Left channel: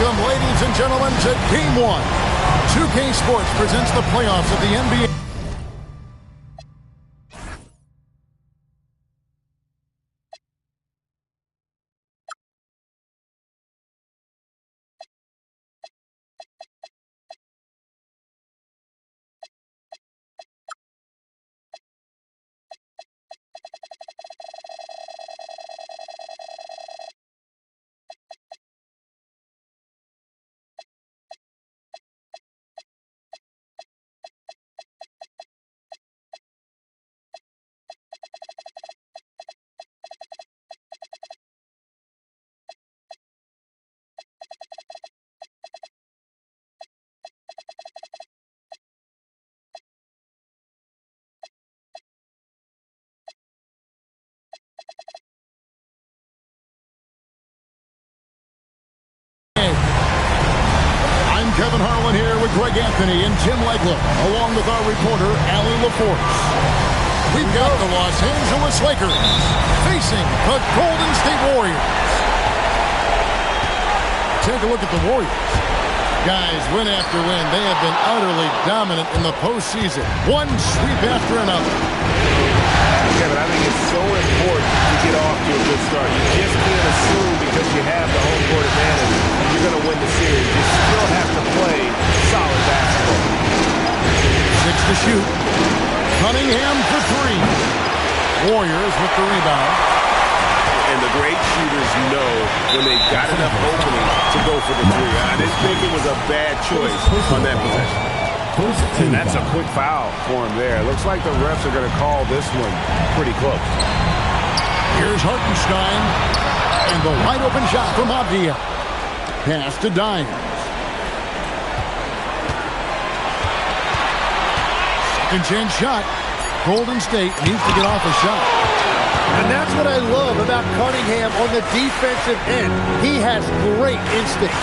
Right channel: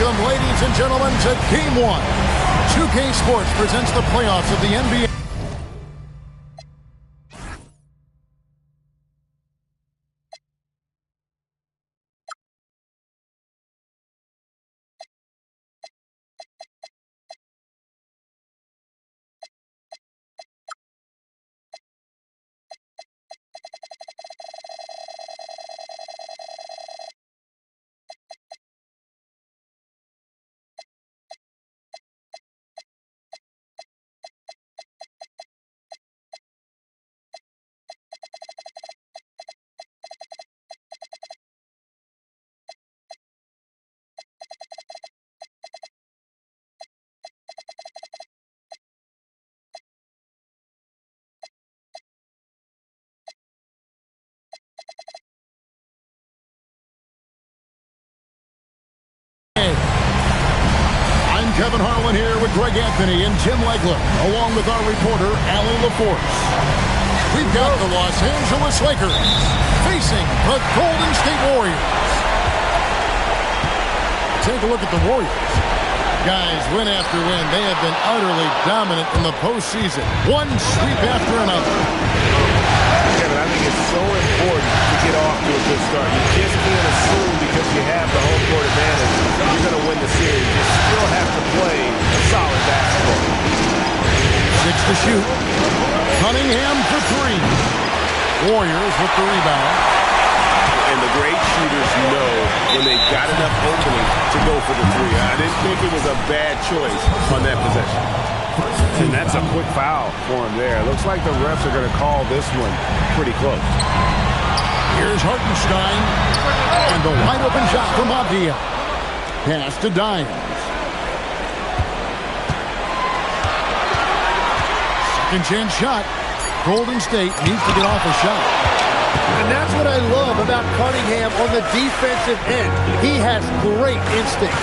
Welcome, ladies and gentlemen, to Game 1. 2K Sports presents the playoffs of the NBA. I'm Kevin Harlan here with Greg Anthony and Tim Legler, along with our reporter, Allie LaForce. We've got the Los Angeles Lakers facing the Golden State Warriors. Take a look at the Warriors. Guys, win after win, they have been utterly dominant in the postseason. One sweep after another. Kevin, I think it's so important to get off to a good start. You just can't assume because you have the home court advantage you're going to win the series. You still have to play solid basketball. 6 to shoot. Cunningham for 3. Warriors with the rebound. And the great shooters know when they've got enough opening to go for the 3. I didn't think it was a bad choice on that possession. And that's a quick foul for him there. Looks like the refs are going to call this one pretty close. Here's Hartenstein. And the wide open shot from Avdia. Pass to Dimes. Second chance shot. Golden State needs to get off a shot. And that's what I love about Cunningham on the defensive end. He has great instincts.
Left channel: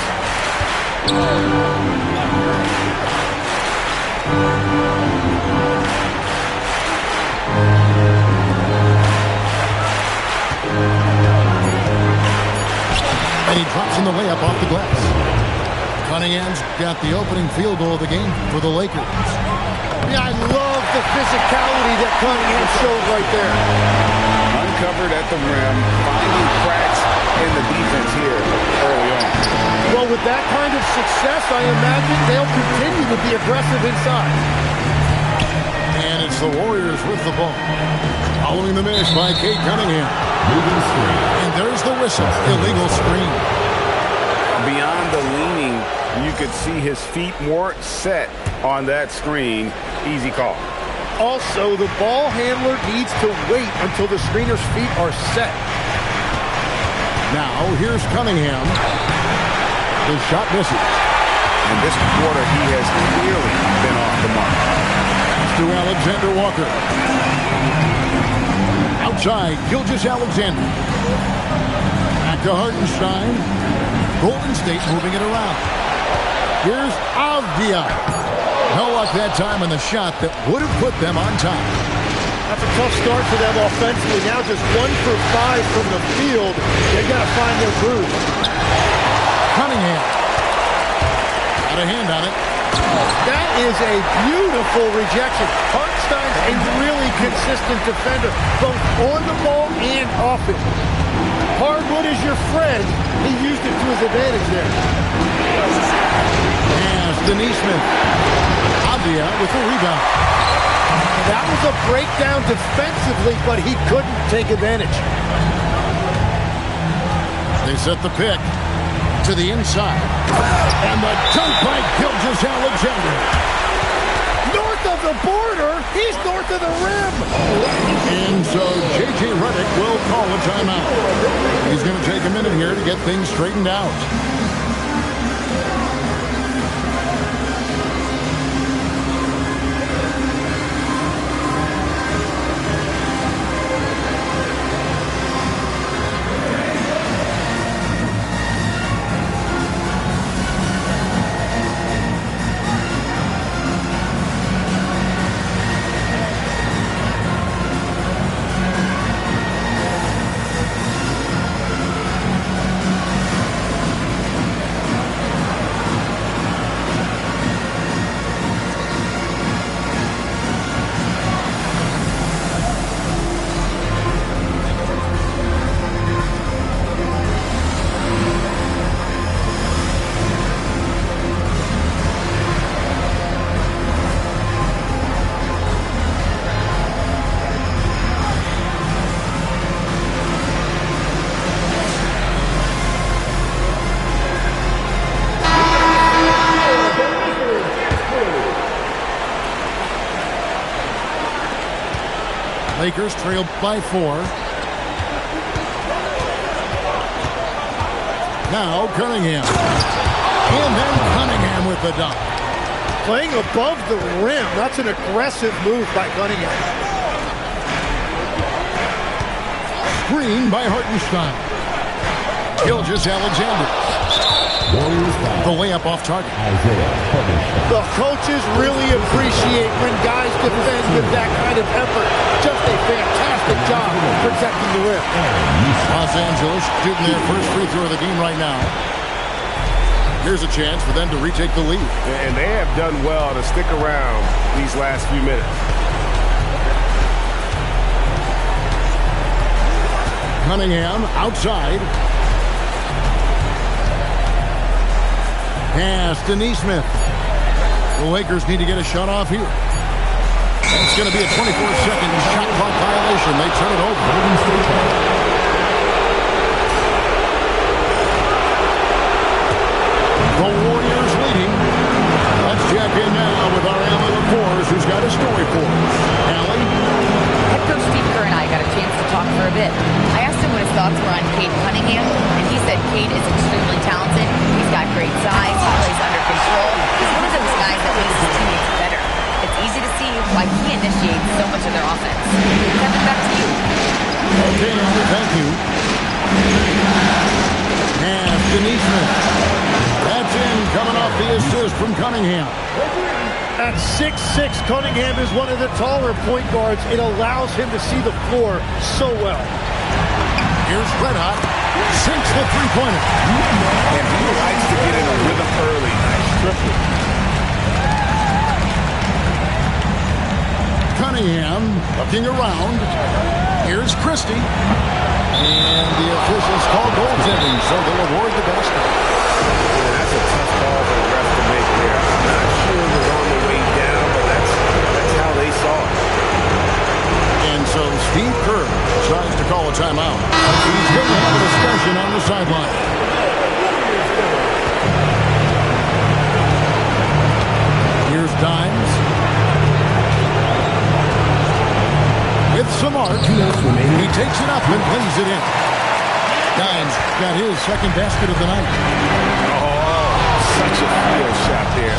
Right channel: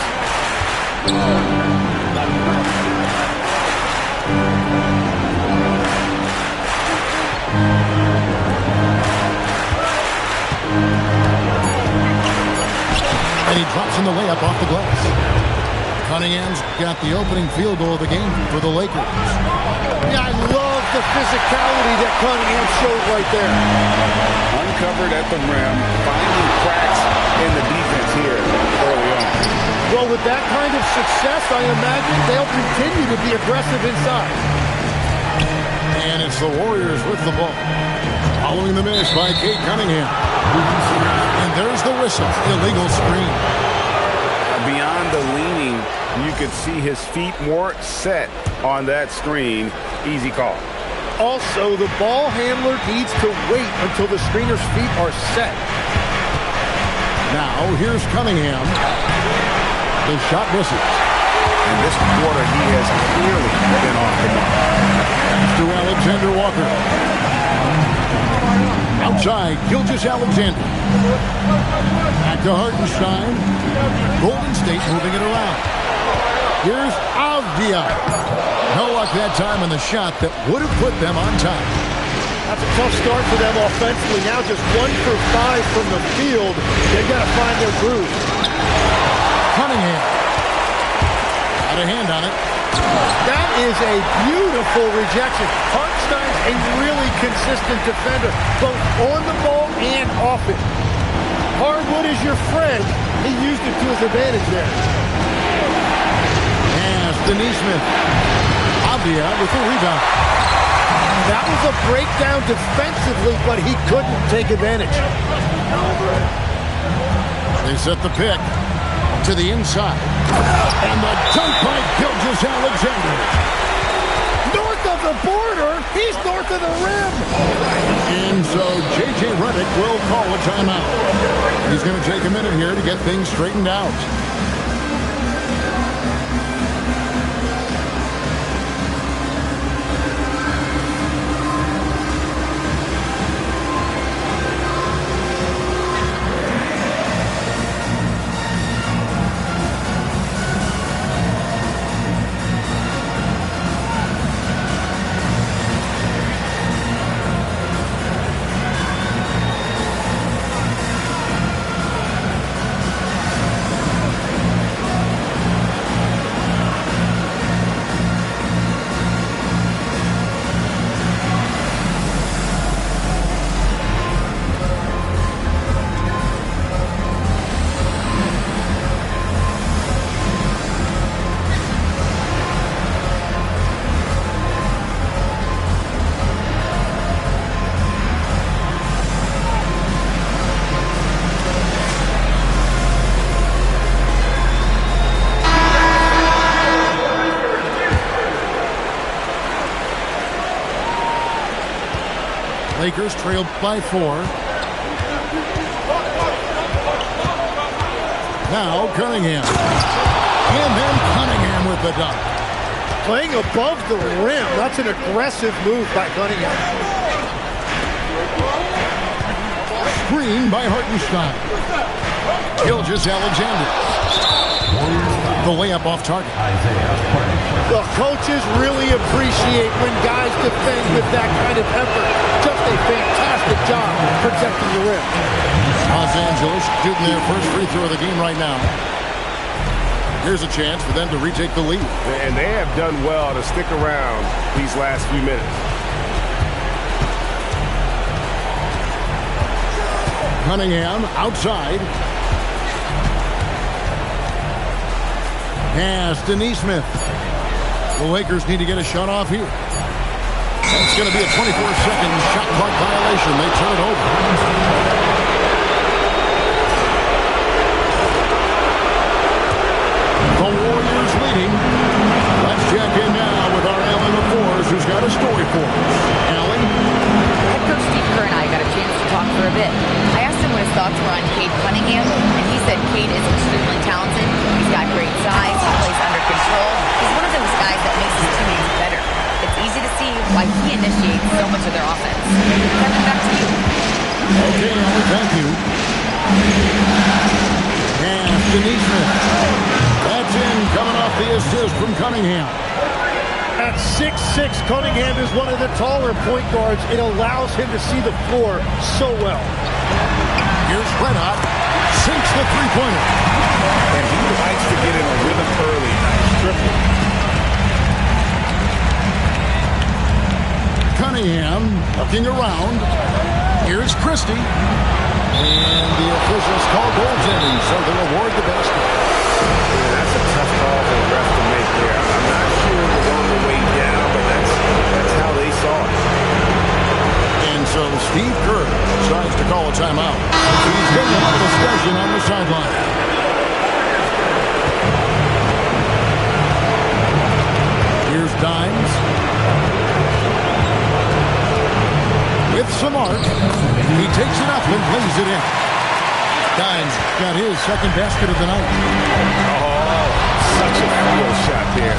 And he drops in the layup off the glass. Cunningham's got the opening field goal of the game for the Lakers. Yeah, I love the physicality that Cunningham showed right there. Uncovered at the rim, finding cracks in the defense here early on. Well, with that kind of success, I imagine they'll continue to be aggressive inside. And it's the Warriors with the ball. Following the miss by Kate Cunningham. And there's the whistle. Illegal screen. Beyond the leaning, you could see his feet weren't set on that screen. Easy call. Also, the ball handler needs to wait until the screener's feet are set. Now, here's Cunningham. The shot misses. And this quarter, he has clearly been off the mark. To Alexander Walker. Outside, Gilgeous-Alexander. Back to Hartenstein. Golden State moving it around. Here's Avdia. No luck that time on the shot that would have put them on top. That's a tough start for them offensively. Now just 1 for 5 from the field. They've got to find their groove. Cunningham. Got a hand on it. That is a beautiful rejection. Hartenstein's a really consistent defender, both on the ball and off it. Hardwood is your friend. He used it to his advantage there. Pass to Neesmith. Avdia with the rebound. That was a breakdown defensively, but he couldn't take advantage. They set the pick to the inside. And the dunk by Gilgeous-Alexander. North of the border, he's north of the rim. And so J.J. Redick will call a timeout. He's going to take a minute here to get things straightened out. Lakers trail by 4. Now Cunningham. And then Cunningham with the dunk. Playing above the rim. That's an aggressive move by Cunningham. Screen by Hartenstein. Gilgeous-Alexander. The layup off target. The coaches really appreciate when guys defend with that kind of effort. Just a fantastic job protecting the rim. Los Angeles shooting their first free throw of the game right now. Here's a chance for them to retake the lead. And they have done well to stick around these last few minutes. Cunningham outside. Pass to Nesmith. The Lakers need to get a shot off here. It's going to be a 24-second shot clock violation. They turn it over. The Warriors leading. Let's check in now with our Allie LaForce, who's got a story for us. Allie? Head coach Steve Kerr and I got a chance to talk for a bit. I asked him what his thoughts were on Cade Cunningham, and he said Cade is extremely talented. He's got great size. He plays under control. He's one of those guys that makes his teammates better. It's easy to see why he initiates so much of their offense. Kevin, back to you. Okay, Allie, thank you. Pass to Nesmith. That's in, coming off the assist from Cunningham. At 6'6", Cunningham is one of the taller point guards. It allows him to see the floor so well. Here's Red Hot. Sinks the three-pointer. And he likes to get in a rhythm early. Nice triple. Cunningham looking around. Here's Christie. And the officials call goaltending, so they'll award the basket. Yeah, that's a tough call for the ref to make there. I'm not sure it was on the way down, but that's how they saw it. And so Steve Kerr decides to call a timeout. He's going to have a discussion on the sideline. Here's Dimes. With some arc, he takes it up and plays it in. Dimes got his second basket of the night. Oh, such a field shot there.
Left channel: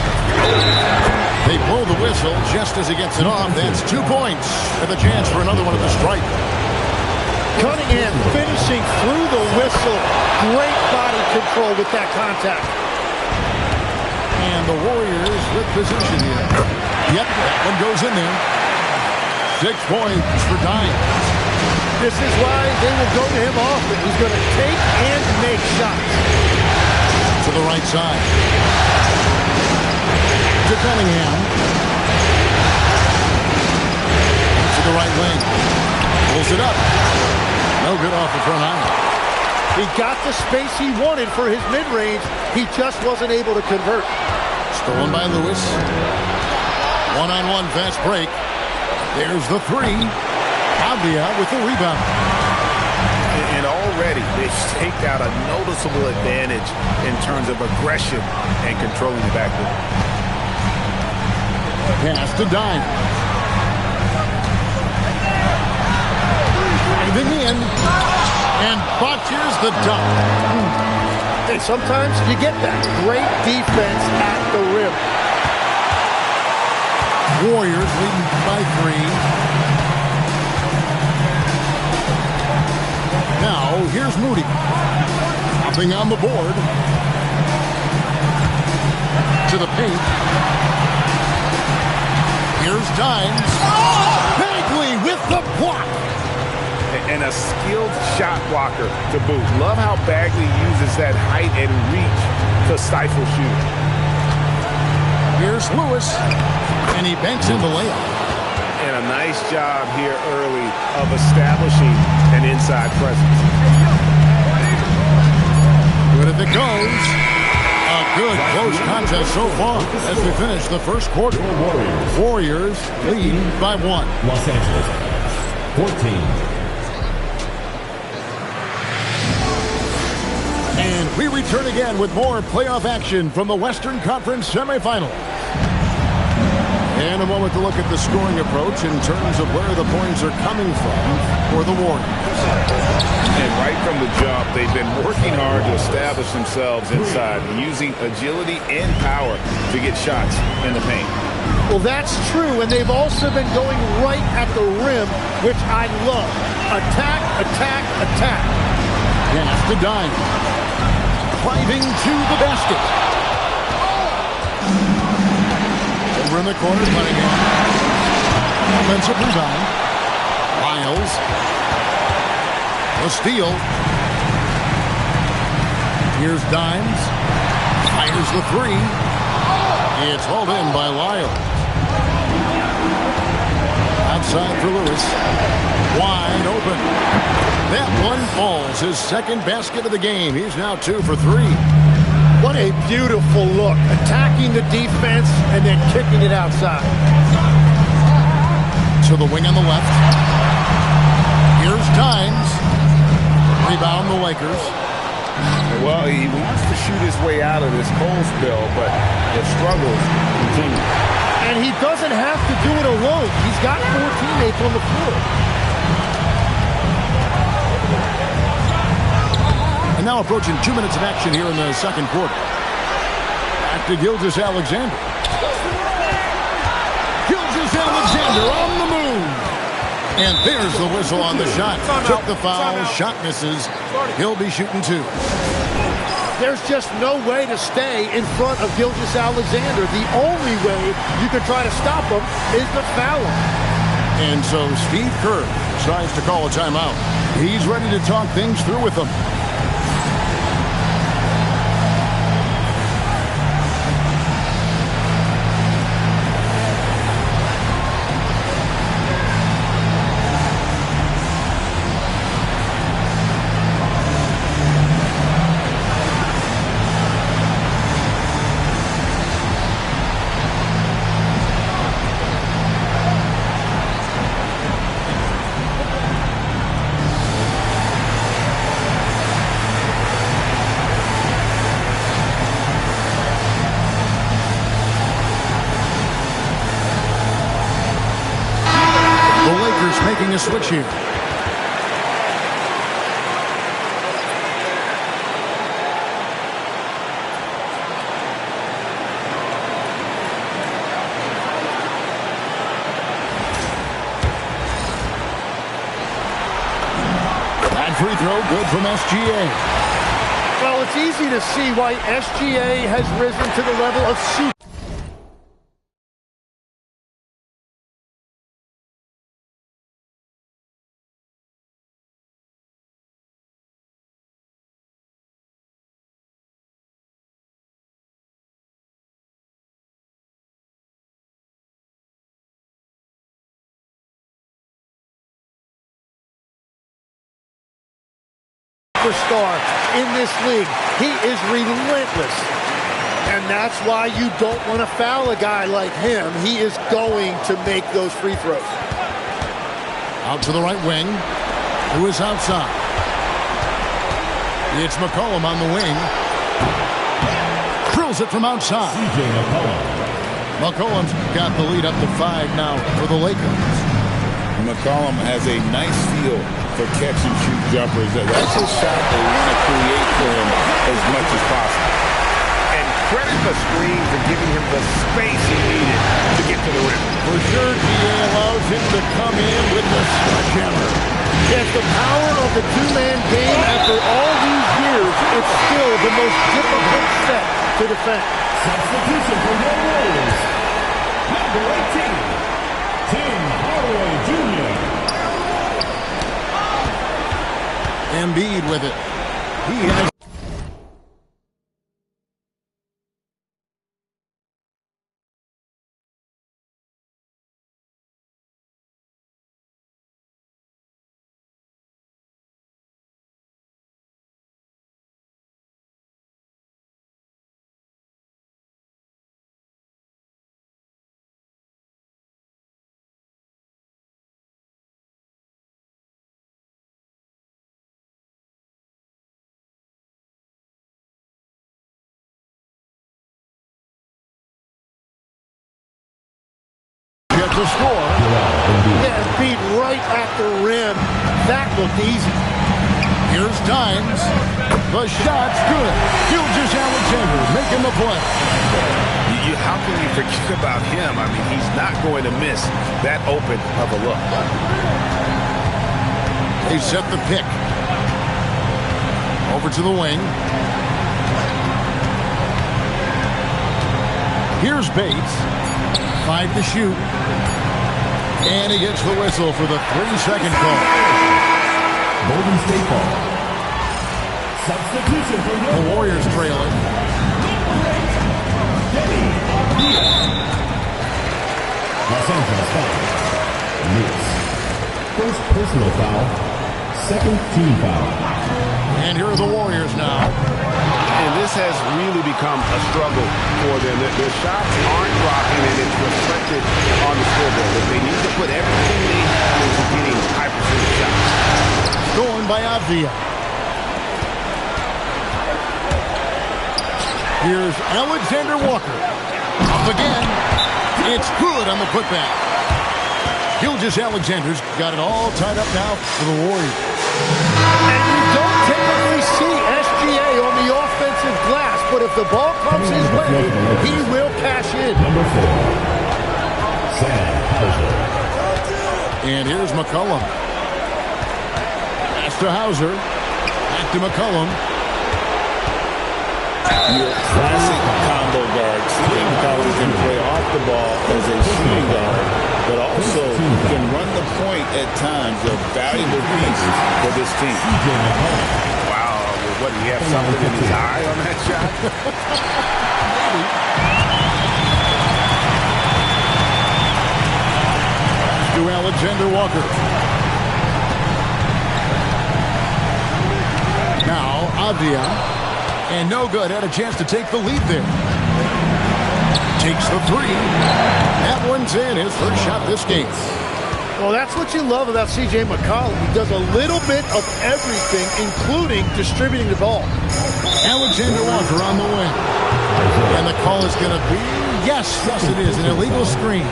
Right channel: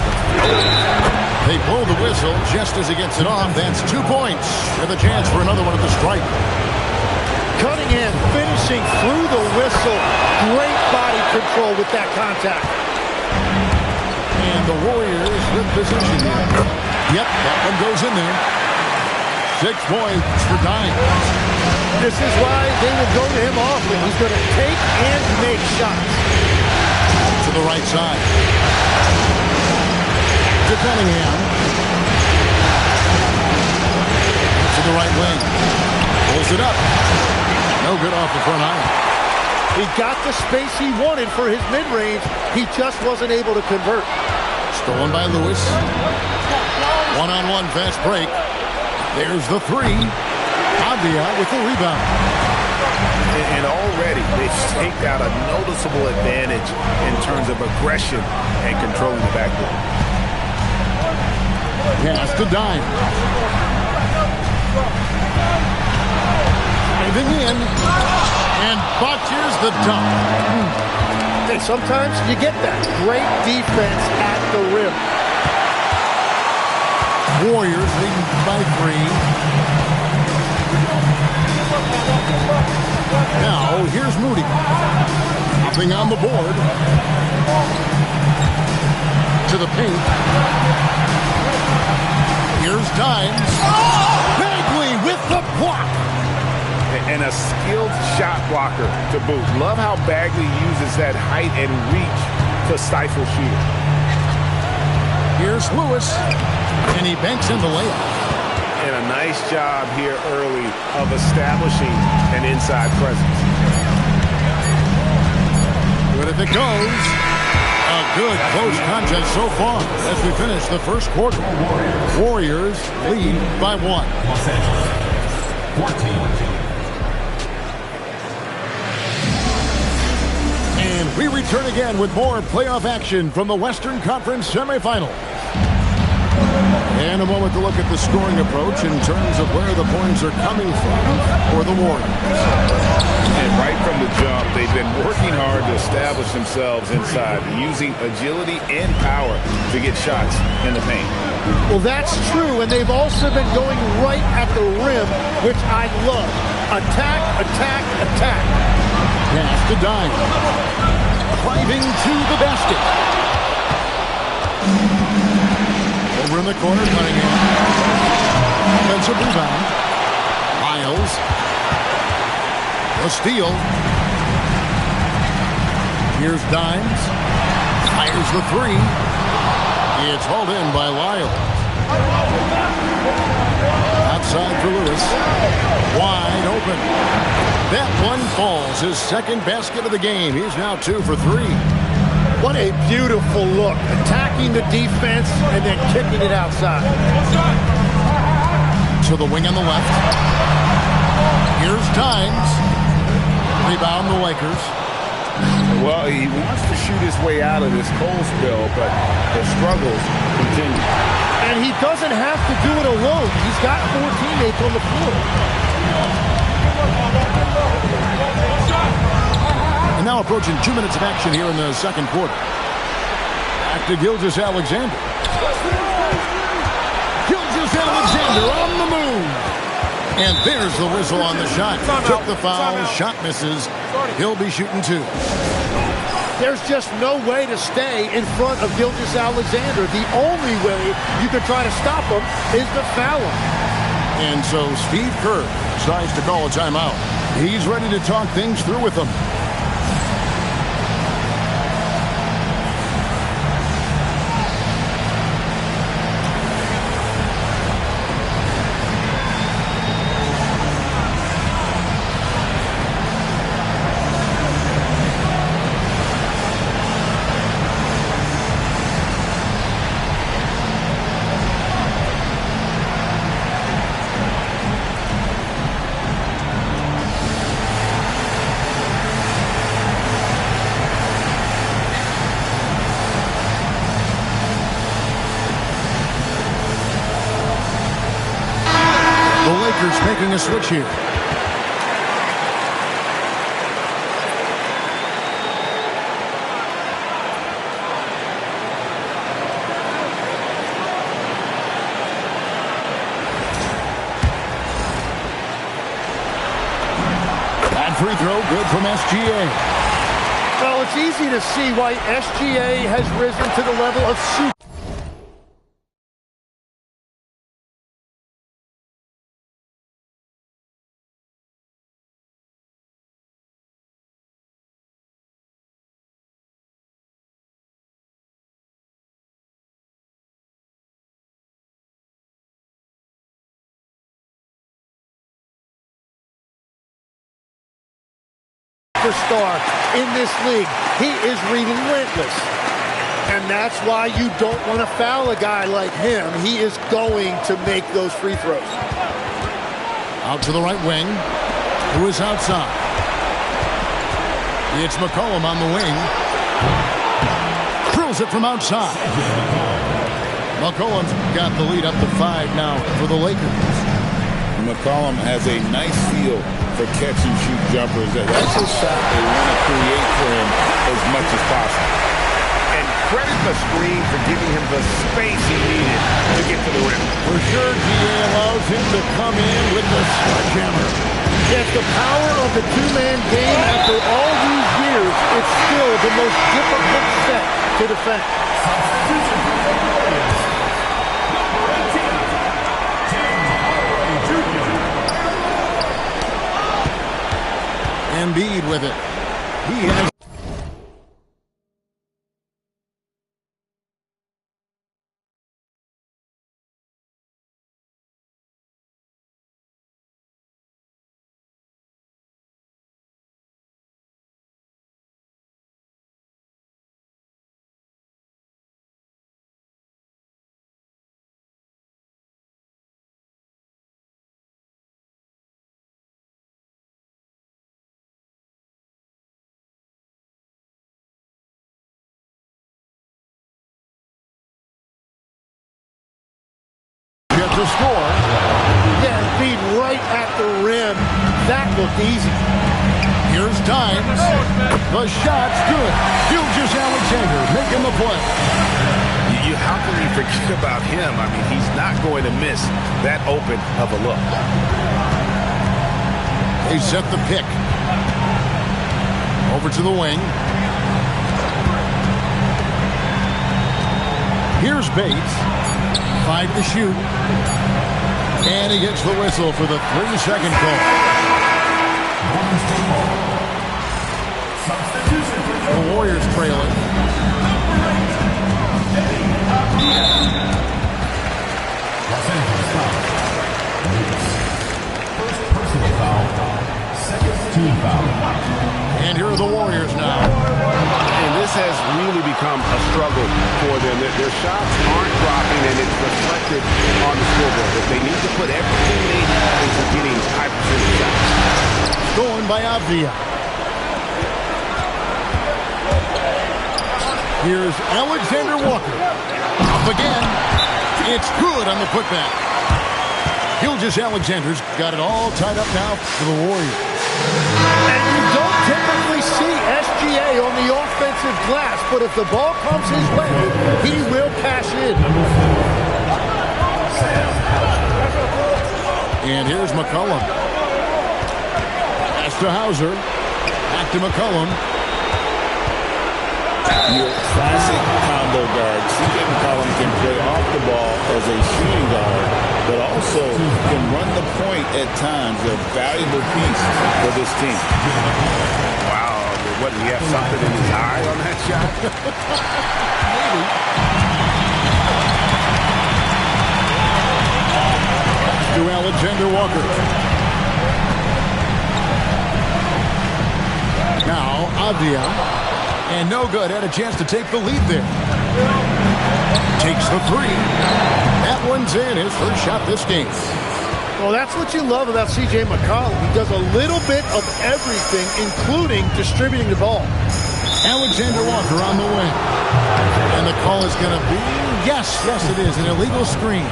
They blow the whistle just as he gets it off. That's 2 points with a chance for another one at the stripe. Cunningham finishing through the whistle. Great body control with that contact. And the Warriors with possession here. Yep, that one goes in there. 6 points for Dimes. This is why they will go to him often. He's going to take and make shots. To the right side. To Cunningham. To the right wing. Pulls it up. No good off the front iron. He got the space he wanted for his mid-range. He just wasn't able to convert. Stolen by Lewis. One-on-one fast break. There's the three. Avdia with the rebound. And already they've staked out a noticeable advantage in terms of aggression and controlling the backcourt. Pass to Dimes. Driving in. And botches the dunk. Hey, sometimes you get that. Great defense at the rim. Warriors leading by 3. Now, here's Moody. Hopping on the board. To the paint. Here's Dimes. Oh! Bagley with the block. And a skilled shot blocker to boot. Love how Bagley uses that height and reach to stifle shooting. Here's Lewis. And he banks in the layup. And a nice job here early of establishing an inside presence. Good if it goes. A good close contest so far as we finish the first quarter. Warriors lead by 1. Los Angeles, 14. And we return again with more playoff action from the Western Conference semifinals. And And a moment to look at the scoring approach in terms of where the points are coming from for the Warriors. And right from the jump, they've been working hard to establish themselves inside, using agility and power to get shots in the paint. Well, that's true, and they've also been going right at the rim, which I love. Attack, attack, attack. Pass to Dime. Driving to the basket. Over in the corner, Cunningham. Offensive rebound. Miles. The steal. Here's Dimes. Fires the three. It's hauled in by Lyles. Outside for Lewis. Wide open. That one falls. His second basket of the game. He's now 2 for 3. What a beautiful look. Attacking the defense and then kicking it outside. To the wing on the left. Here's Dimes. Rebound the Lakers. Well, he wants to shoot his way out of this cold spill, but the struggles continue. And he doesn't have to do it alone. He's got 4 teammates on the floor. And now approaching 2 minutes of action here in the second quarter. Back to Gilgeous-Alexander. Gilgeous-Alexander on the move. And there's the whistle on the shot. Took the foul. Shot misses. He'll be shooting 2. There's just no way to stay in front of Gilgeous-Alexander. The only way you can try to stop him is to foul him. And so Steve Kerr decides to call a timeout. He's ready to talk things through with them. The Lakers making a switch here. That free throw good from SGA. Well, it's easy to see why SGA has risen to the level of super. Superstar in this league. He is relentless. And that's why you don't want to foul a guy like him. He is going to make those free throws. Out to the right wing. Who is outside? It's McCollum on the wing. Drills it from outside. McCollum's got the lead up to 5 now for the Lakers. McCollum has a nice feel for catch-and-shoot jumpers. That's a shot they want to create for him as much as possible. And credit the screen for giving him the space he needed to get to the rim. For sure, GA allows him to come in with the sledgehammer. Yes, the power of the two-man game after all these years, it's still the most difficult set to defend. Substitution for the Warriors. Number 18, Tim Hardaway Jr. Embiid with it. He has the score. Yeah, beat right at the rim. That looked easy. Here's Dimes. The shot's good. Gilgeous-Alexander making the play. How can you forget about him? I mean, he's not going to miss that open of a look. They set the pick. Over to the wing. Here's Bates. 5 to shoot. And he gets the whistle for the 3-second call. Golden State ball. Substitution for The Warriors trailing. Los Angeles foul. Lewis. First personal foul. Second team foul. And here are the Warriors now. And this has really become a struggle for them. Their shots aren't dropping, and it's reflected on the scoreboard. They need to put everything they have into getting high percentage shots. Stolen by Avdia. Here's Alexander Walker. Up again. It's good on the putback. Gilgeous-Alexander's got it all tied up now for the Warriors. And you don't typically see SGA on the offensive glass, but if the ball comes his way, he will cash in. And here's McCollum. Pass to Hauser. Back to McCollum. Your classic combo guard. C.J. McCollum can play off the ball as a shooting guard, but also can run the point at times. A valuable piece for this team. Wow, what, did he have something in his eye on that shot? Maybe. To Alexander Walker. Now Avdia. And no good. Had a chance to take the lead there. Takes the 3. That one's in. His first shot this game. Well, that's what you love about C.J. McCollum. He does a little bit of everything, including distributing the ball. Alexander Walker on the wing. And the call is going to be, yes, it is, an illegal screen.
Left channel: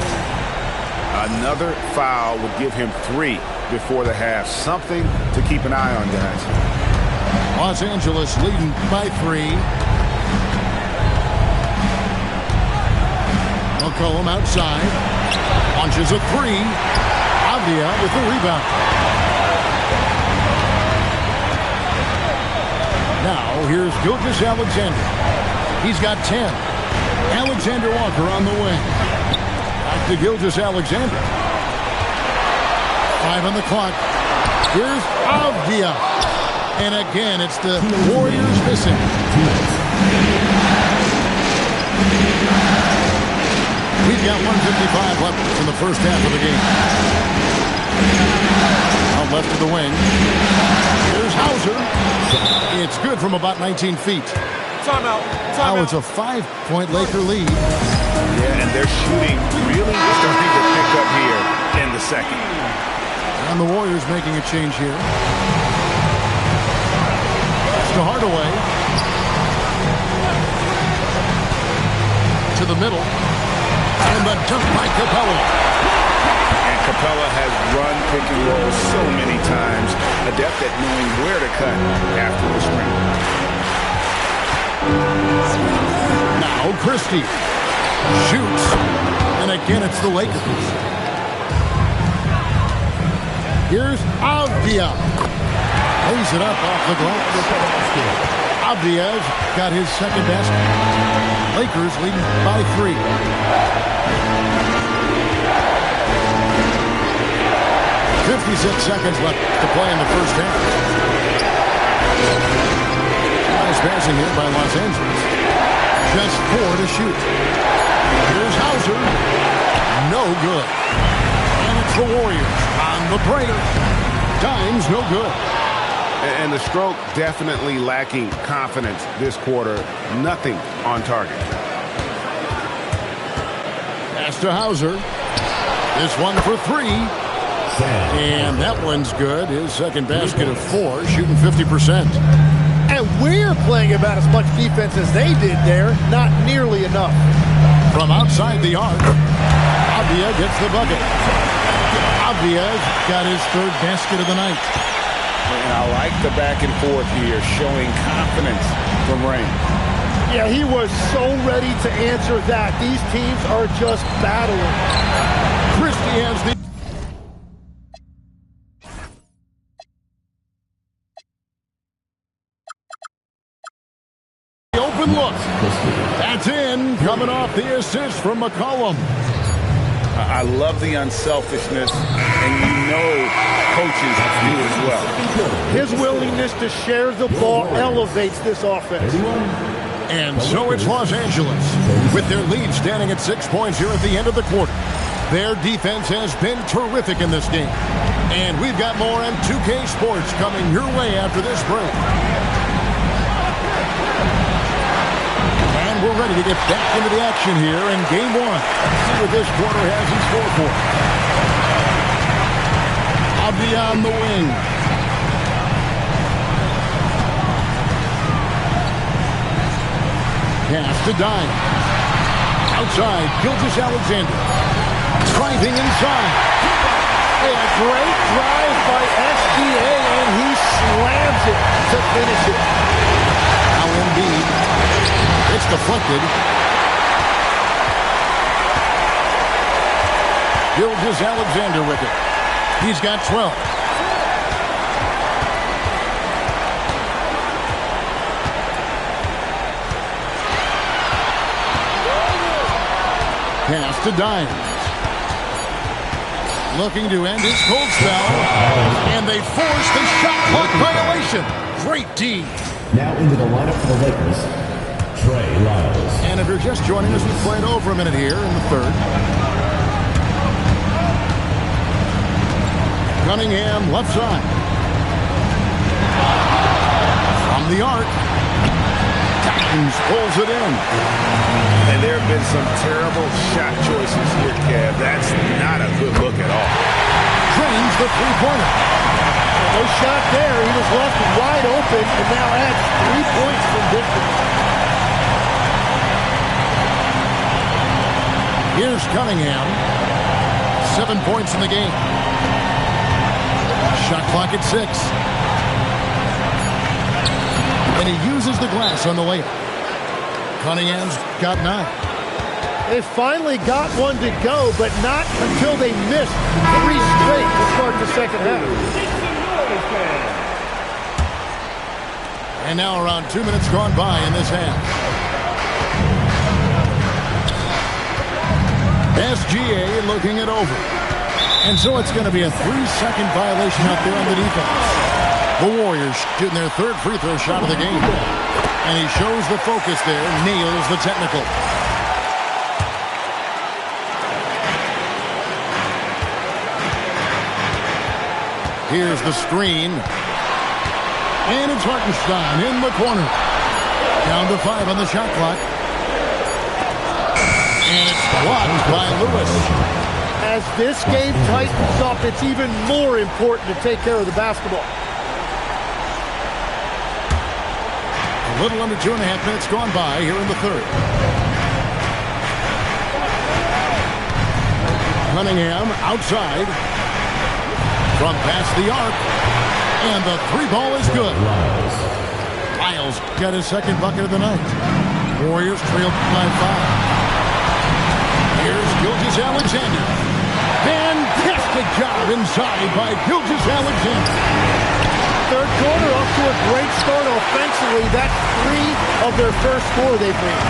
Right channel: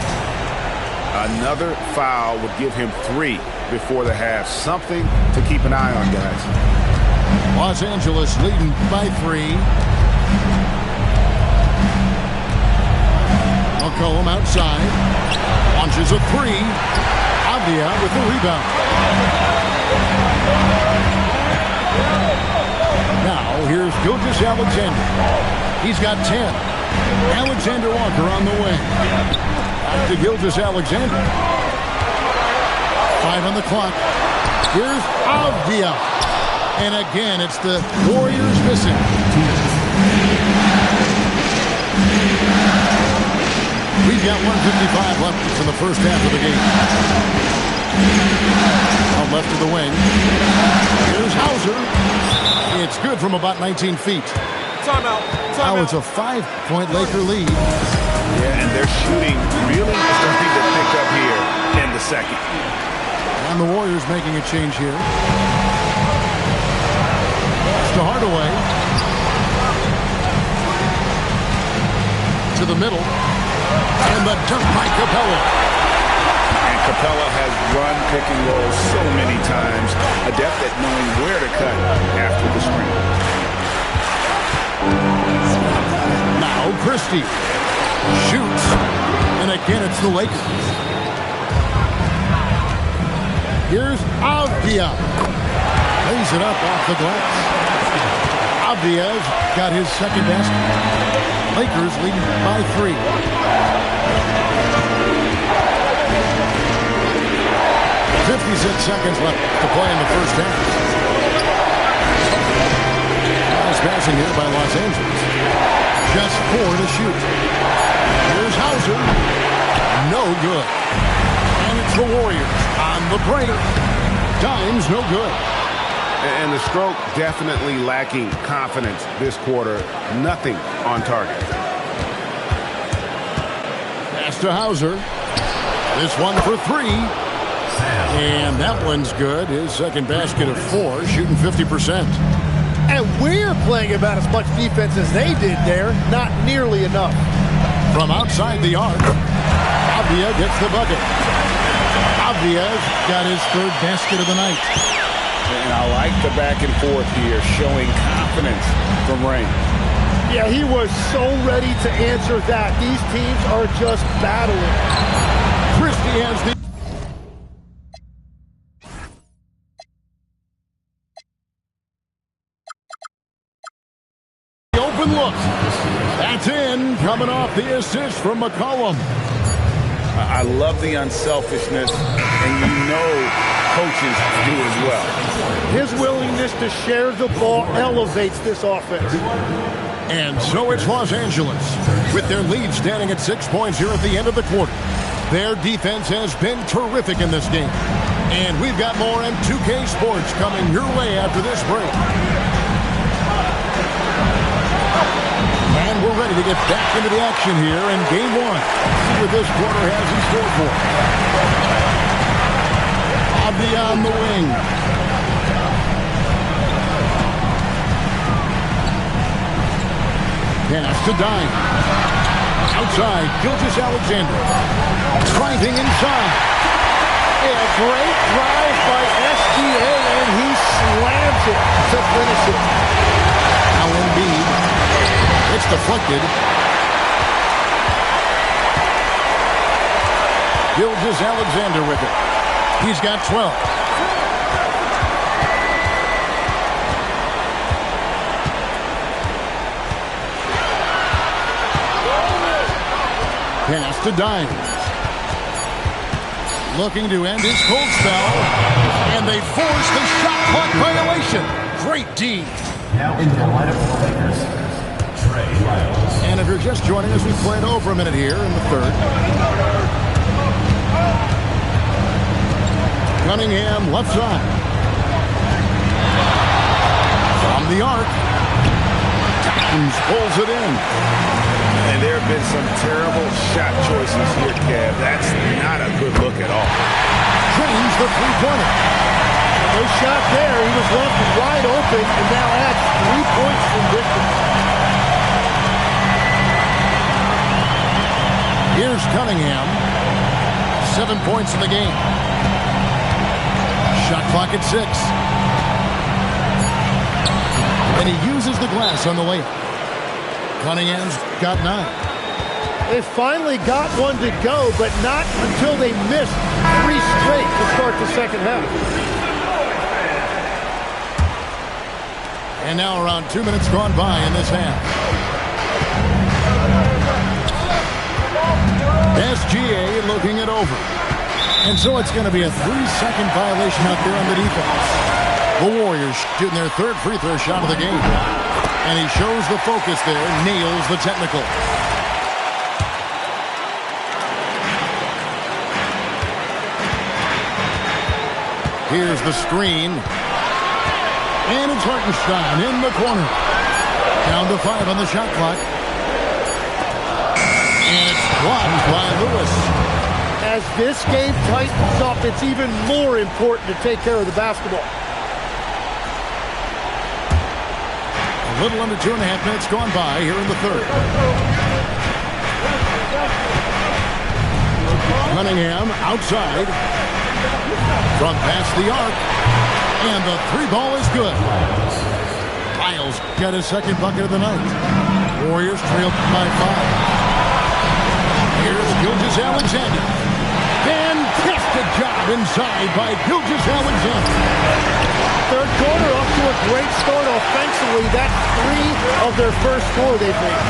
Another foul would give him 3 before the half. Something to keep an eye on, guys. Los Angeles leading by 3. McCollum outside. Launches a 3. Avdia with the rebound. Now here's Gilgeous-Alexander. He's got 10. Alexander Walker on the wing. Back to Gilgeous-Alexander. 5 on the clock. Here's Avdia. And again, it's the Warriors missing. We've got 1:55 left in the first half of the game. Out left of the wing. Here's Hauser. It's good from about 19 feet. Timeout. Now it's a 5-point Laker lead. Yeah, and their shooting really starting to pick up here in the second. And the Warriors making a change here. To Hardaway. To the middle. And the dunk by Capella. And Capella has run pick and roll so many times. Adept at knowing where to cut after the screen. Now Christie shoots. And again it's the Lakers. Here's Avdia. Lays it up off the glass. Avdia's got his second basket. Lakers leading by 3. 56 seconds left to play in the first half. Nice passing here by Los Angeles. Just 4 to shoot. Here's Hauser. No good. And it's the Warriors on the break. Dimes no good. And the stroke definitely lacking confidence this quarter. Nothing on target. Pass to Hauser. This one for 3. And that one's good. His second basket of 4, shooting 50%. And we're playing about as much defense as they did there. Not nearly enough. From outside the arc. Avdia gets the bucket. Avdia's got his third basket of the night. And I like the back and forth here, showing confidence from range. Yeah, he was so ready to answer that. These teams are just battling. Christie has the open look. That's in, coming off the assist from McCollum. I love the unselfishness, and you know coaches do as well. His willingness to share the ball elevates this offense. And so it's Los Angeles, with their lead standing at 6 points here at the end of the quarter. Their defense has been terrific in this game. And we've got more M2K Sports coming your way after this break. And we're ready to get back into the action here in Game 1. Let's see what this quarter has in store for us. Avdia on the wing. Pass to Dime. Outside, Gilgeous-Alexander. Driving inside. A great drive by SGA, and he slams it to finish it. Now Embiid. It's deflected. Gilgeous-Alexander with it. He's got 12. Pass to Dimes. Looking to end his cold spell. And they force the shot clock violation. Great D. Now into the lineup for the Lakers, Trey Lyles. And if you're just joining us, we've played over a minute here in the third. Cunningham left side. From the arc. Dimes pulls it in. And there have been some terrible shot choices here, Kev. That's not a good look at all. Drains the three-pointer. No shot there. He was left wide open and now adds 3 points from distance. Here's Cunningham. 7 points in the game. Shot clock at 6. And he uses the glass on the layup. Cunningham's got 9. They finally got one to go, but not until they missed 3 straight to start the second half. And now around 2 minutes gone by in this half. SGA looking it over. And so it's going to be a 3-second violation out there on the defense. The Warriors shooting their third free throw shot of the game. And he shows the focus there, nails the technical. Here's the screen. And it's Hartenstein in the corner. Down to 5 on the shot clock. And it's blocked by Lewis. As this game tightens up, it's even more important to take care of the basketball. A little under 2.5 minutes gone by here in the third. Cunningham outside. From past the arc. And the 3-ball is good. Lyles got his second bucket of the night. Warriors trailed by 5. Here's Gilgeous-Alexander. Fantastic job inside by Gilgeous-Alexander. Third quarter off to a great start offensively. That's 3 of their first 4 they've made.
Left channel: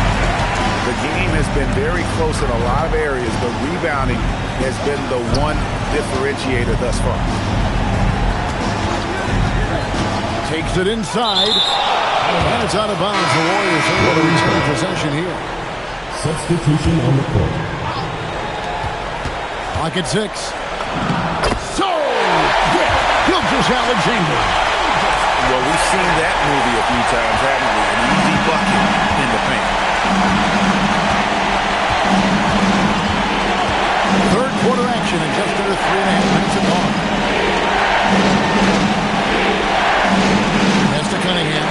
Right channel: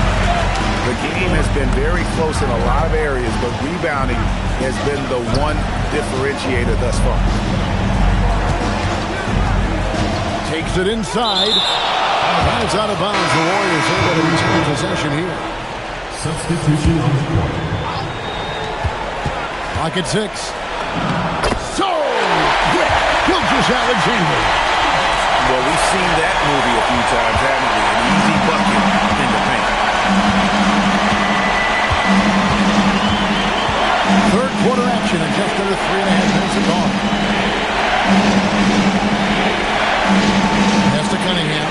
The game has been very close in a lot of areas, but rebounding has been the one differentiator thus far. Takes it inside. And it's out of bounds. The Warriors able to retain possession here. Substitution on the court. Clock at 6. So quick. Gilgeous-Alexander. Well, we've seen that movie a few times, haven't we? An easy bucket in the paint. Third quarter action in just under 3.5 minutes of gone. Pass to Cunningham.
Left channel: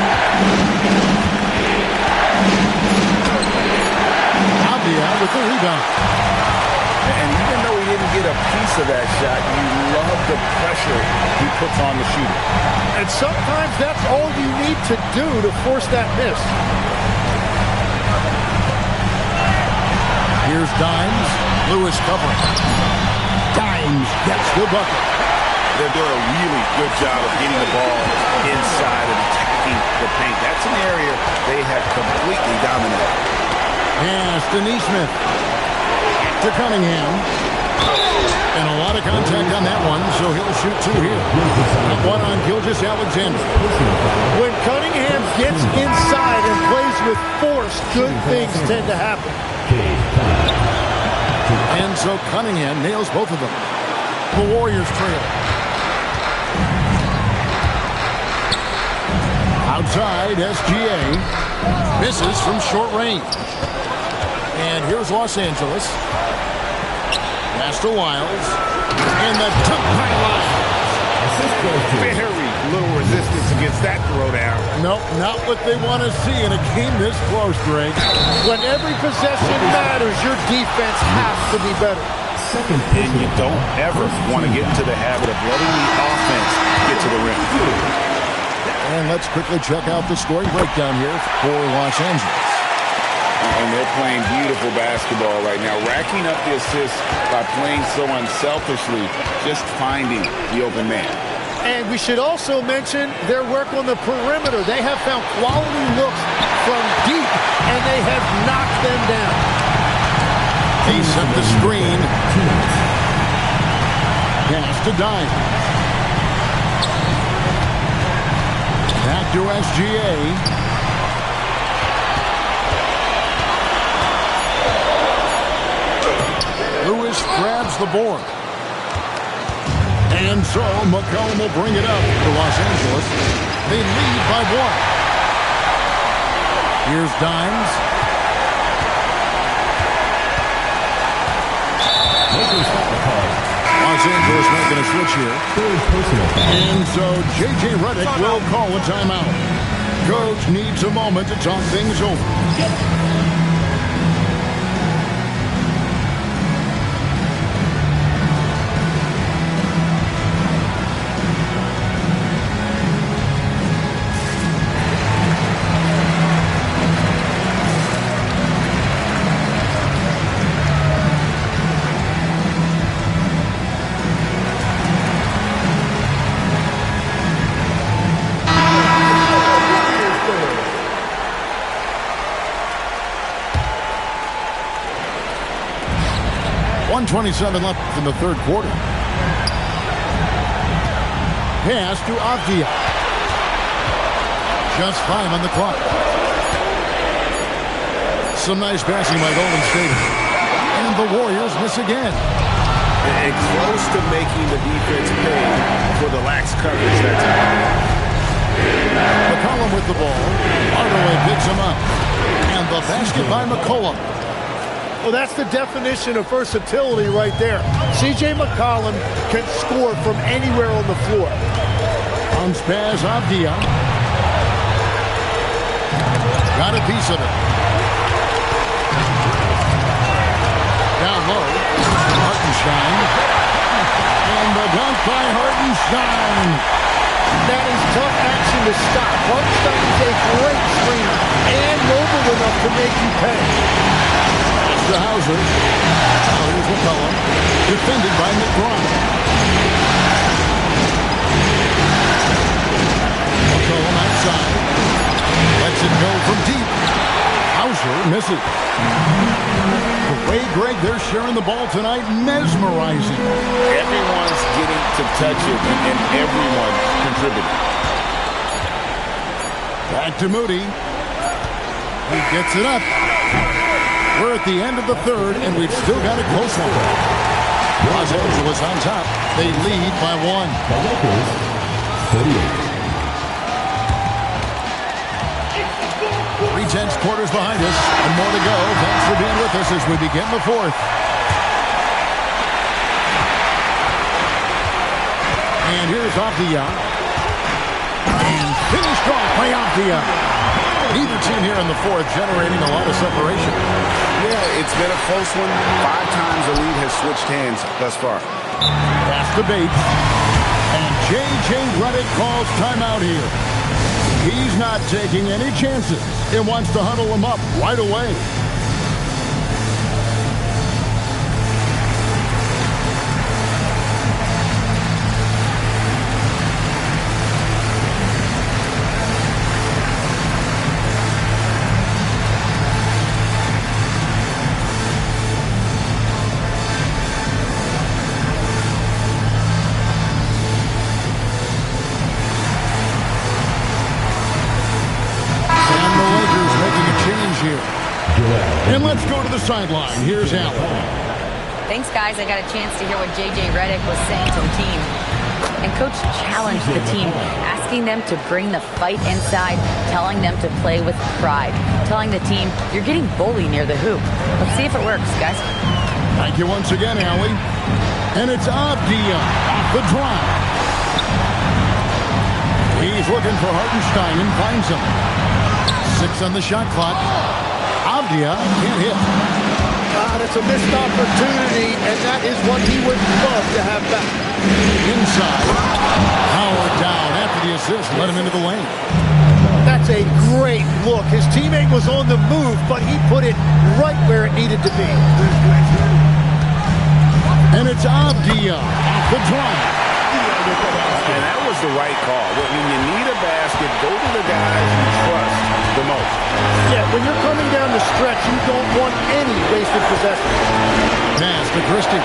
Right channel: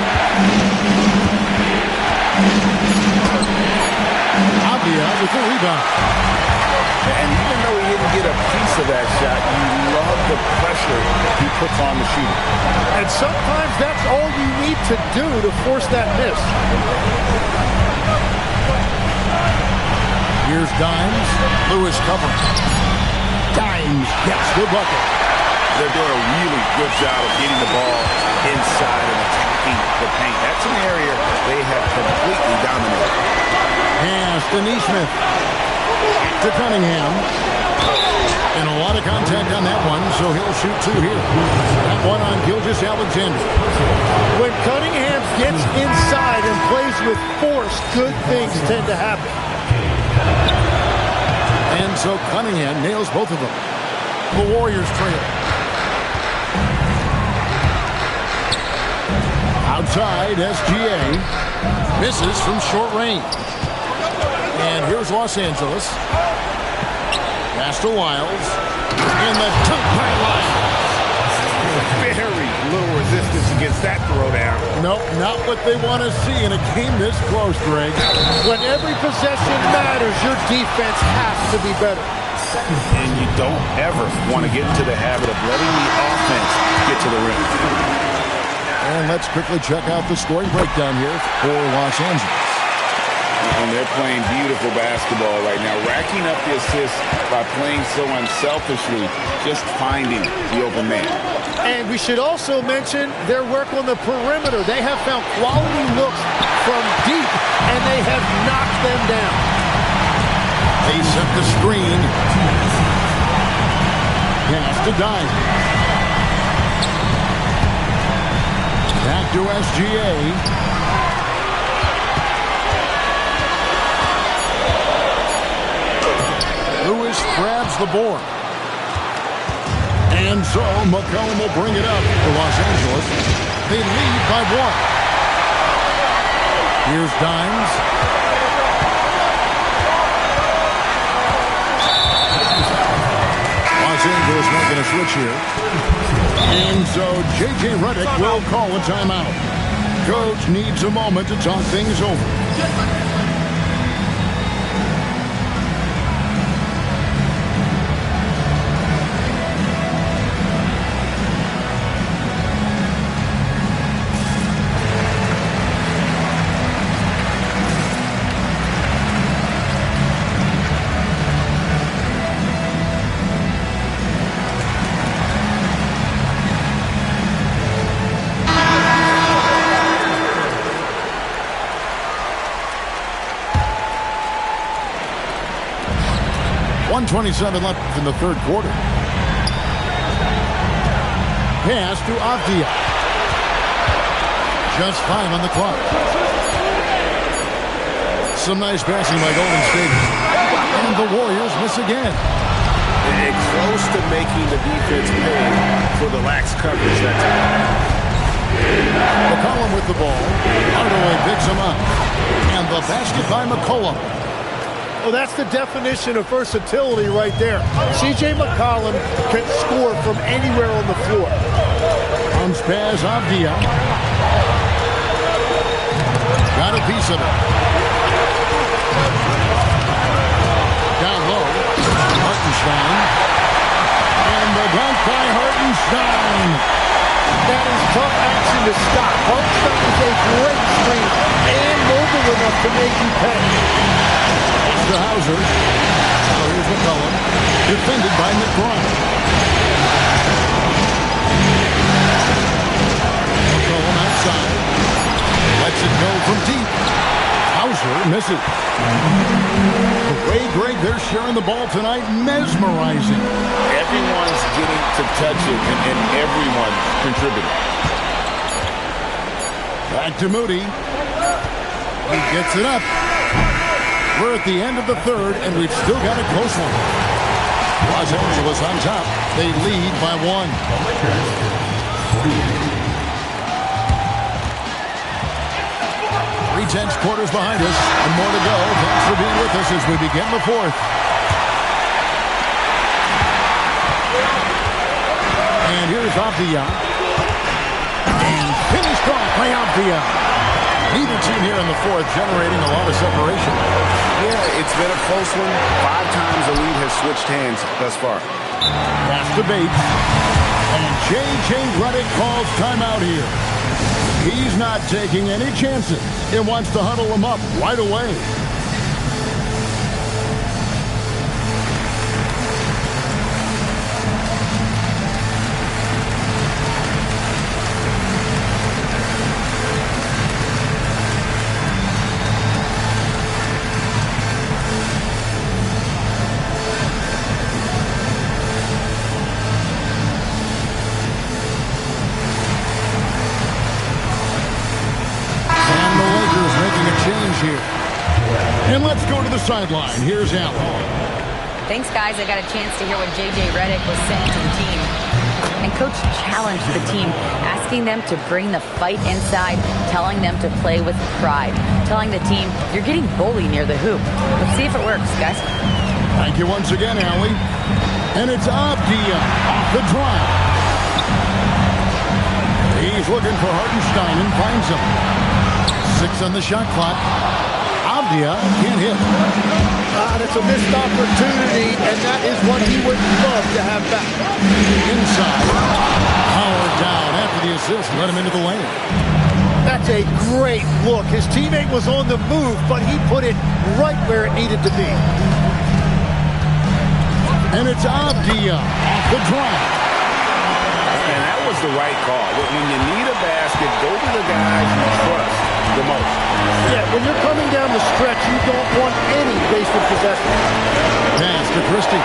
Avdia with the rebound. And even though he didn't get a piece of that shot, you love the pressure he puts on the shooter. And sometimes that's all you need to do to force that miss. Here's Dimes. Lewis covering. Dimes gets the bucket. They're doing a really good job of getting the ball inside and attacking the paint. That's an area they have completely dominated. Pass to Neesmith. Back to Cunningham. And a lot of contact on that one, so he'll shoot two here. That one on Gilgeous-Alexander. When Cunningham gets inside and plays with force, good things tend to happen. And so Cunningham nails both of them. The Warriors trail. Outside, SGA. Misses from short range. And here's Los Angeles. Pass to Wiles. And the dunk by Lyles. Very little resistance against that throwdown. Nope, not what they want to see in a game this close, Greg. When every possession matters, your defense has to be better. And you don't ever want to get into the habit of letting the offense get to the rim. And let's quickly check out the scoring breakdown here for Los Angeles. And they're playing beautiful basketball right now, racking up the assists by playing so unselfishly, just finding the open man. And we should also mention their work on the perimeter. They have found quality looks from deep, and they have knocked them down. They set the screen. Pass to Dimes. Back to SGA. Lewis grabs the board. And so McCollum will bring it up for Los Angeles. They lead by one. Here's Dimes. Los Angeles making a switch here. And so J.J. Redick will call a timeout. Coach needs a moment to talk things over. .127 left in the third quarter. Pass to Avdia. Just 5 on the clock. Some nice passing by Golden State. And the Warriors miss again. And close to making the defense pay for the lax coverage that time. McCollum with the ball. Hardaway picks him up. And the basket by McCollum. Well, that's the definition of versatility right there. C.J. McCollum can score from anywhere on the floor. Bounce pass, Avdia. Got a piece of it. Down low, Hartenstein. And the dunk by Hartenstein. That is tough action to stop. Hartenstein is a great screener and mobile enough to make you pay. To Hauser. Now here's McCollum. Defended by McBride. McCollum outside. Lets it go from deep. Hauser misses. The way, Greg, they're sharing the ball tonight, mesmerizing. Everyone's getting to touch it, and everyone's contributing. Back to Moody. He gets it up. We're at the end of the third, and we've still got a close one. Los Angeles on top. They lead by one. 3/10 quarters behind us, and more to go. Thanks for being with us as we begin the fourth. And here's Avdia. And finished off by Avdia. Neither team here in the fourth generating a lot of separation. Yeah, it's been a close one. 5 times the lead has switched hands thus far. Pass to Bates. And J.J. Redick calls timeout here. He's not taking any chances. He wants to huddle him up right away. Here. And let's go to the sideline. Here's Allen. Thanks, guys. I got a chance to hear what J.J. Redick was saying to the team. And Coach challenged the team, asking them to bring the fight inside, telling them to play with pride, telling the team, you're getting bullied near the hoop. Let's see if it works, guys. Thank you once again, Allie. And it's Avdia off the drive. He's looking for Hartenstein and finds him. 6 on the shot clock. Avdia can't hit. That's a missed opportunity, and that is what he would love to have back. Inside. Howard down after the assist. Let him into the lane. That's a great look. His teammate was on the move, but he put it right where it needed to be. And it's Avdia off the drive. And that was the right call. When you need a basket, go to the guys you trust the most. Yeah, when you're coming down the stretch, you don't want any wasted possession. Pass to Christie.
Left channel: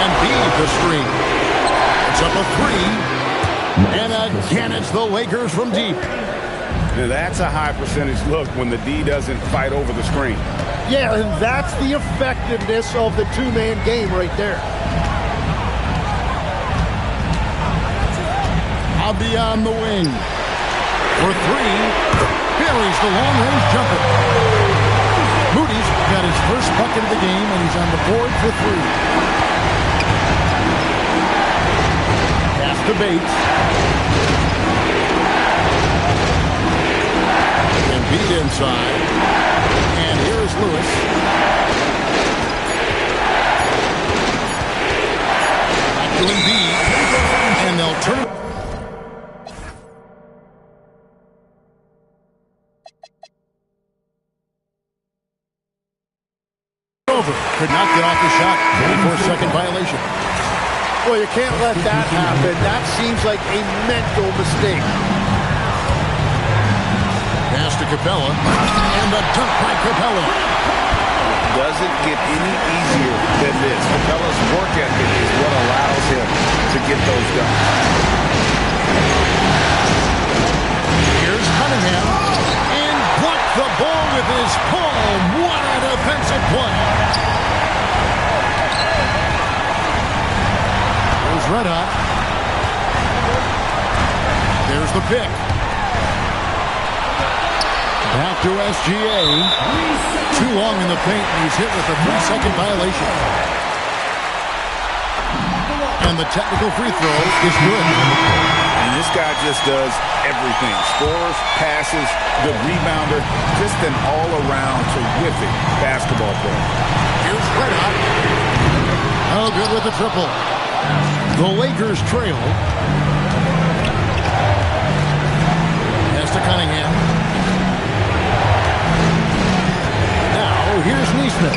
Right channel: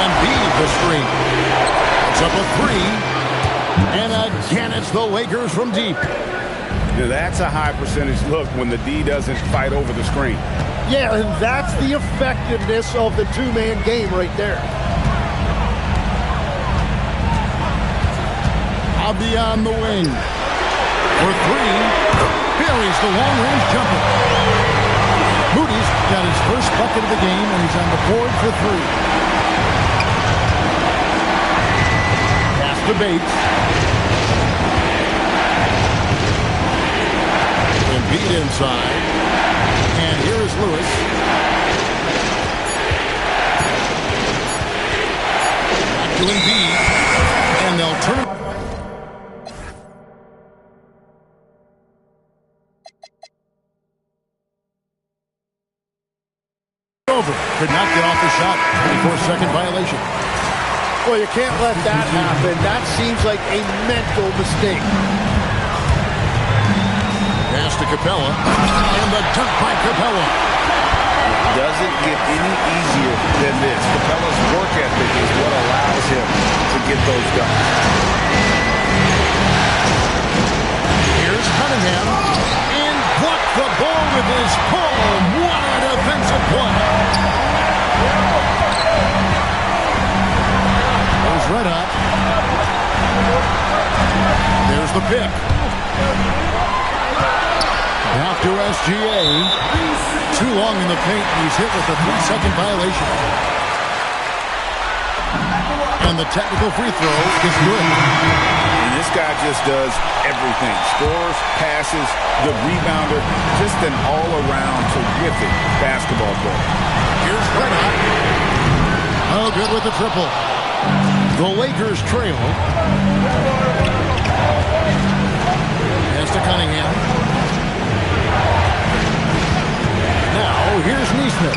And beat the screen. It's up a 3. And again, it's the Lakers from deep. Now that's a high percentage look when the D doesn't fight over the screen. Yeah, and that's the effectiveness of the two-man game right there. Avdia on the wing. For 3. Buries the long-range jumper. Moody's got his first bucket of the game, and he's on the board for 3. Pass to Bates. And beat inside. And here is Lewis. Back to Embiid. And they'll turn. Over. Could not get off the shot. 24-second violation. Well, you can't let that happen. That seems like a mental mistake. Pass to Capella, and the dunk by Capella. It doesn't get any easier than this. Capella's work ethic is what allows him to get those dunks. Here's Cunningham, and blocked the ball with his palm. What a defensive play. There's Red Hot. There's the pick. Out to SGA. Too long in the paint, and he's hit with a 3-second violation. And the technical free throw is good. And this guy just does everything. Scores, passes, the rebounder, just an all-around terrific basketball player. Here's Red Hot. Oh, good with the triple. The Lakers trail. Pass to Cunningham. Now, here's Neesmith.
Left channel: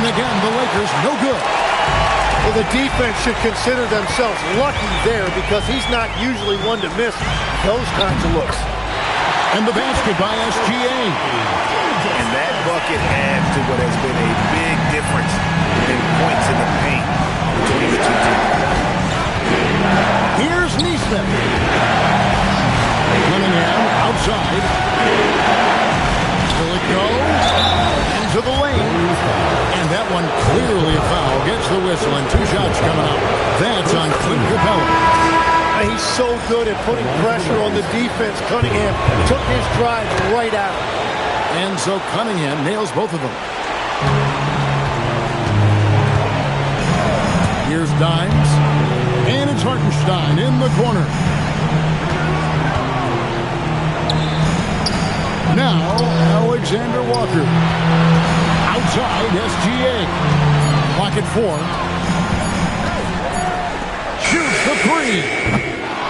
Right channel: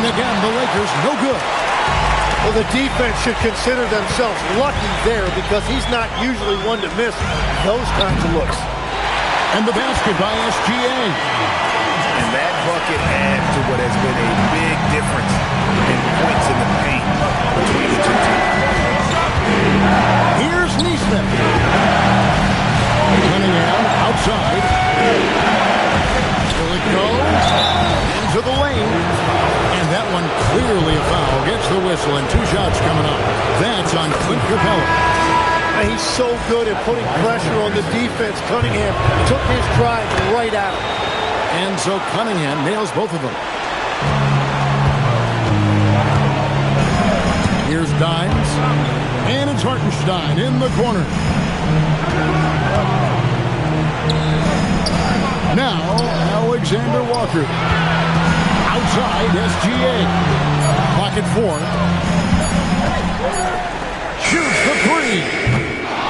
And again, the Lakers no good. Well, the defense should consider themselves lucky there because he's not usually one to miss those kinds of looks. And the basket by SGA. And that bucket adds to what has been a big difference in points in the paint between the two teams. Here's Neesmith. Cunningham outside. Will it go? Into the lane. And that one clearly a foul. Gets the whistle, and 2 shots coming up. That's on Clint Capella. He's so good at putting pressure on the defense. Cunningham took his drive right at him. And so Cunningham nails both of them. Here's Dimes. And it's Hartenstein in the corner. Now, Alexander Walker. Outside, SGA. Clock at 4. Shoots the 3.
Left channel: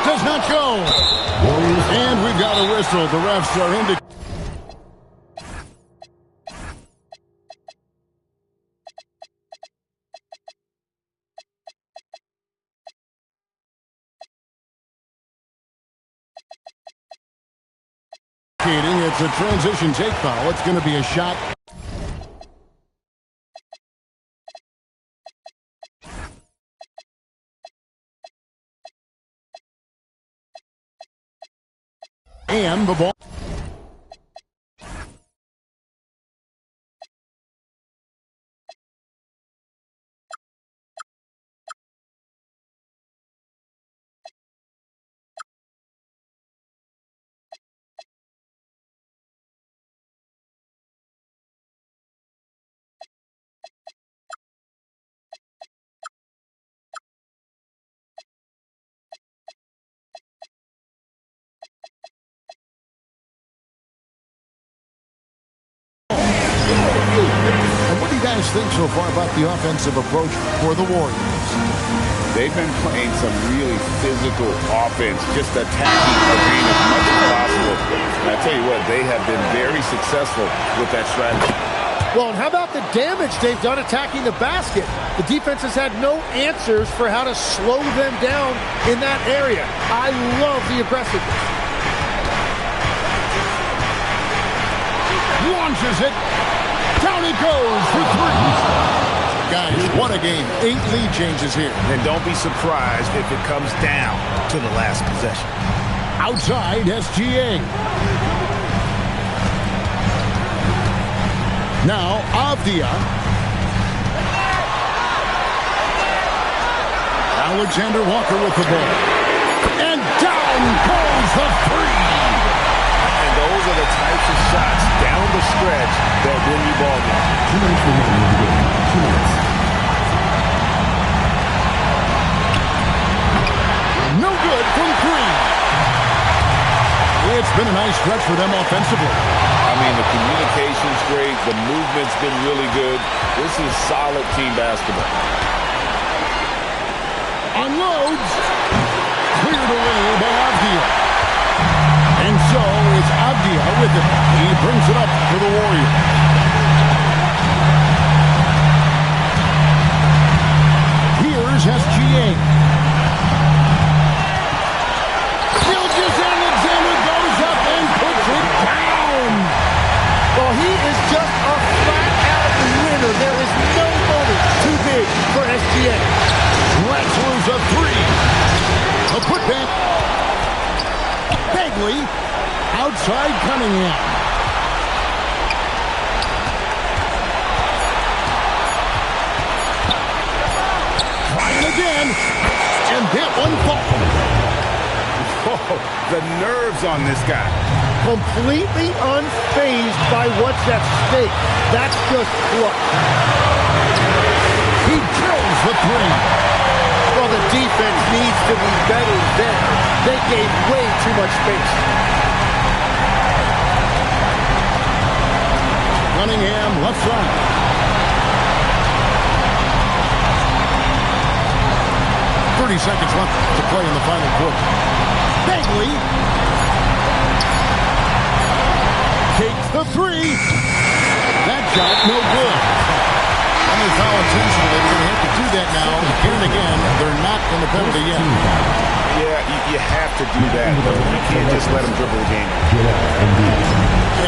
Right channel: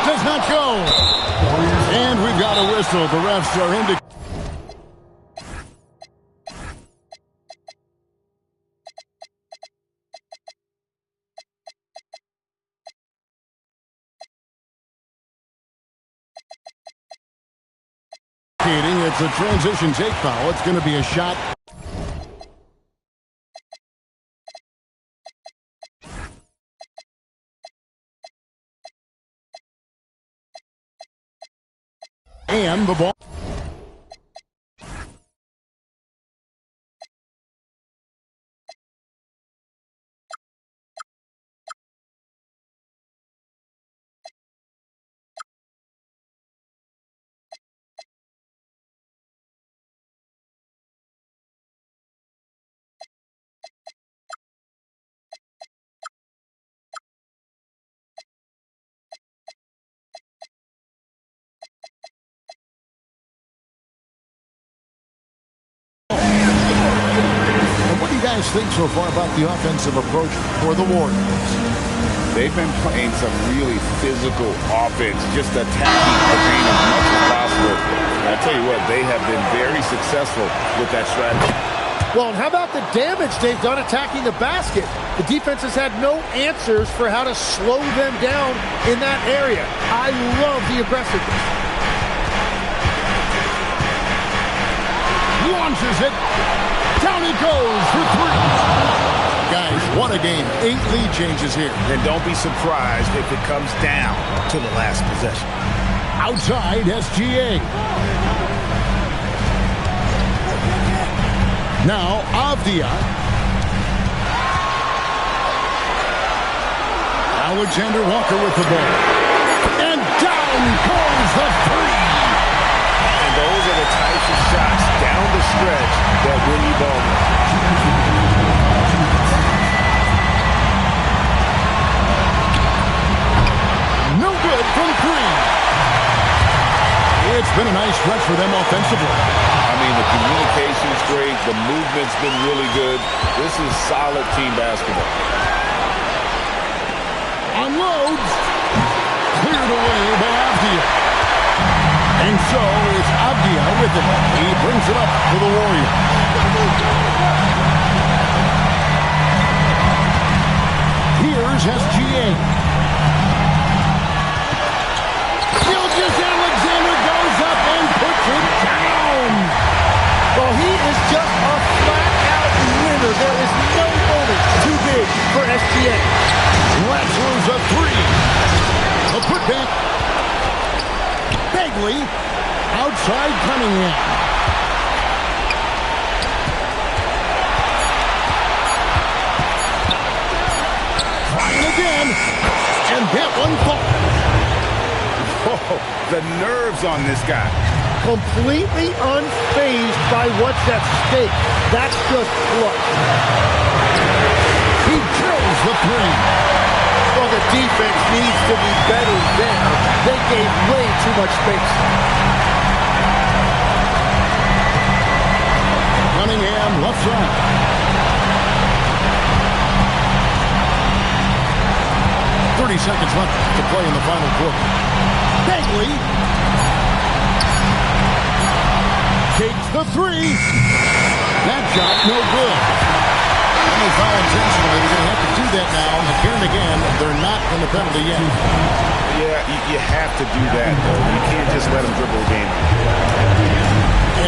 Does not go. And we've got a whistle. The refs are indicating. It's a transition take foul. It's going to be a shot. And the ball. What do you guys think so far about the offensive approach for the Warriors? They've been playing some really physical offense, just attacking the paint as much as possible. And I tell you what, they have been very successful with that strategy. Well, and how about the damage they've done attacking the basket? The defense has had no answers for how to slow them down in that area. I love the aggressiveness. Launches it. Down it goes for 3. Guys, what a game. 8 lead changes here. And don't be surprised if it comes down to the last possession. Outside, SGA. Now, Avdia. Alexander Walker with the ball. And down goes the 3. And those are the types of shots down the stretch that win you ball games. No good from 3. It's been a nice stretch for them offensively. I mean, the communication's great. The movement's been really good. This is solid team basketball. Unloads. Cleared away by Avdia. And so it's Avdia with it. He brings it up for the Warriors. Here's SGA. Alexander goes up and puts it down. Well, he is just a flat-out winner. There is no moment too big for SGA. Wrestlers a 3. The putback. Bagley. Outside Cunningham. Trying again. And that one falls. Oh, the nerves on this guy. Completely unfazed by what's at stake. That's just clutch. He drills the 3. Well, the defense needs to be better there. They gave way too much space. Cunningham left side. .30 seconds left to play in the final quarter. Bagley takes the 3. That shot no good. And they foul intentionally. They're going to have to do that now again and again. They're not in the penalty yet. Yeah, you have to do that, though. You can't just let them dribble the game.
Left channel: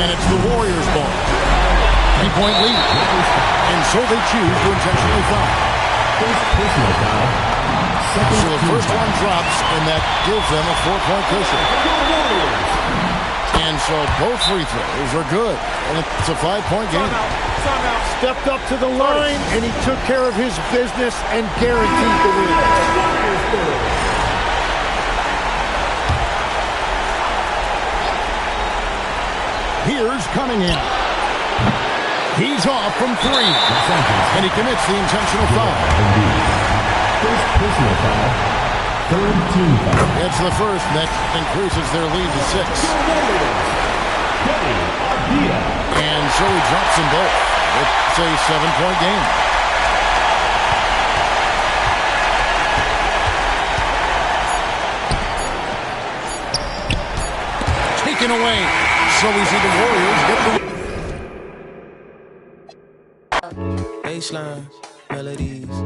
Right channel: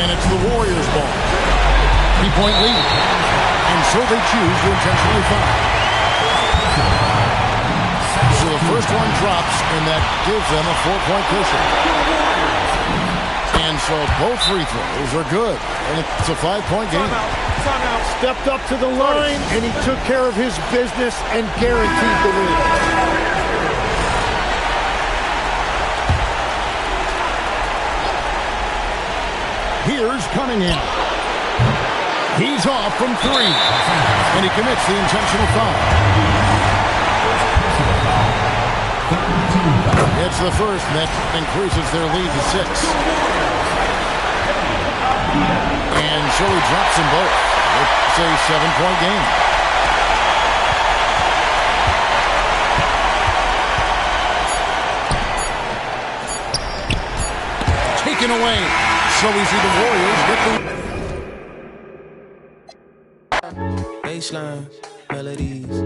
And it's the Warriors' ball. 3-point lead. And so they choose to intentionally foul. So the first one drops, and that gives them a 4-point cushion. And so both free throws are good. And it's a 5-point game. Timeout. Stepped up to the line, and he took care of his business and guaranteed the win. Here's Cunningham. He's off from 3. And he commits the intentional foul. It's the first, and that increases their lead to 6. And so he drops them both. It's a 7-point game. Taken away. So we see the Warriors get the baseline melodies.